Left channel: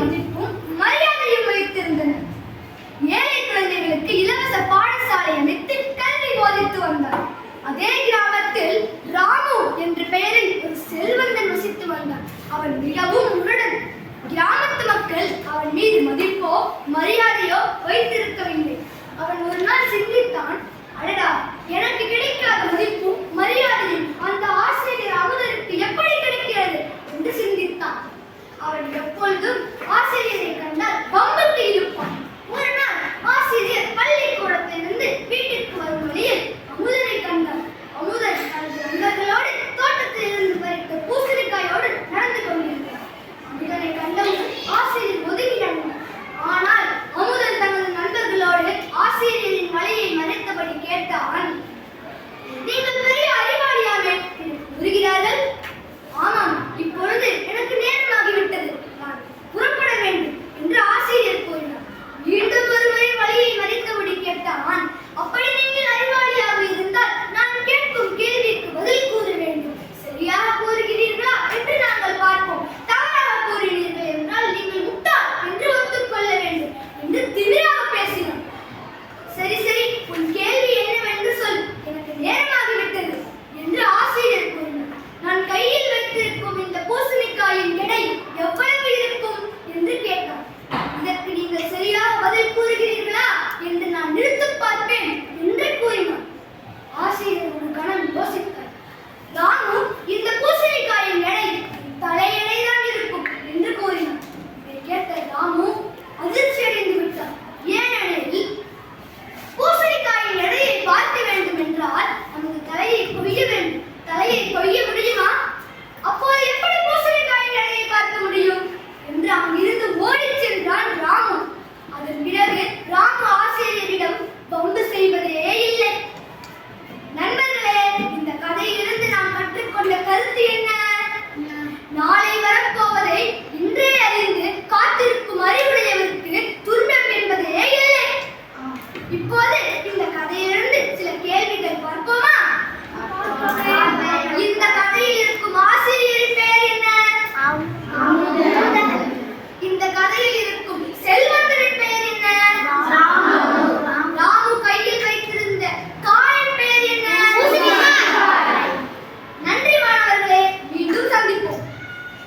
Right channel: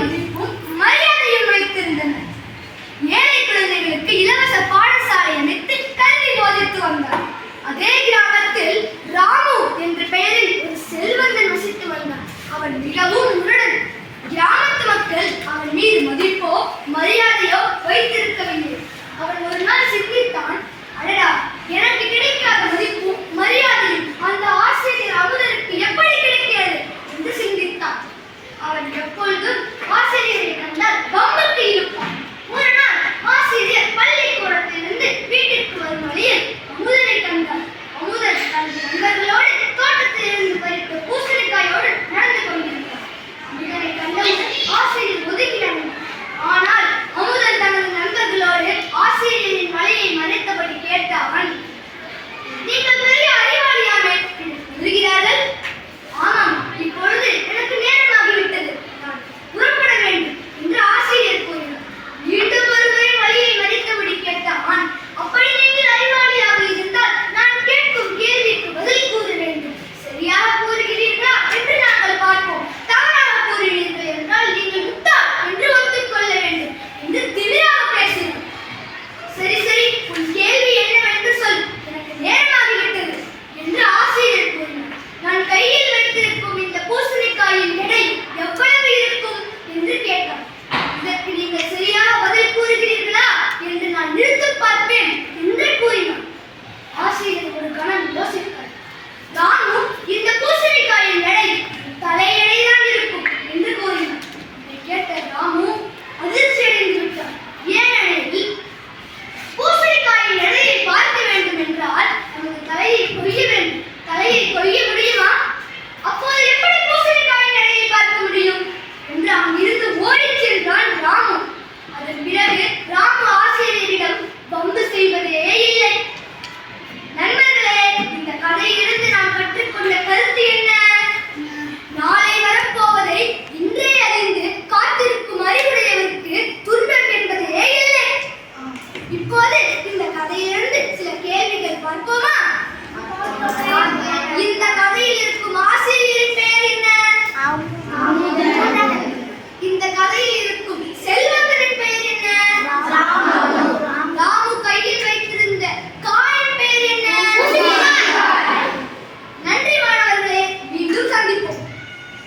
மதிப்பும் மரியாதையும் வைத்திருந்தனர். ஏழை குழந்தைகளுக்கு இலவச பாடசாலை அமைத்து கல்வி போதித்து வந்தார். அதே கிராமத்தில் ராமு என்ற பெயரில் ஒரு செல்வந்தன் வசித்து வந்தார் அவன் மிகவும் மழையை கொய்ய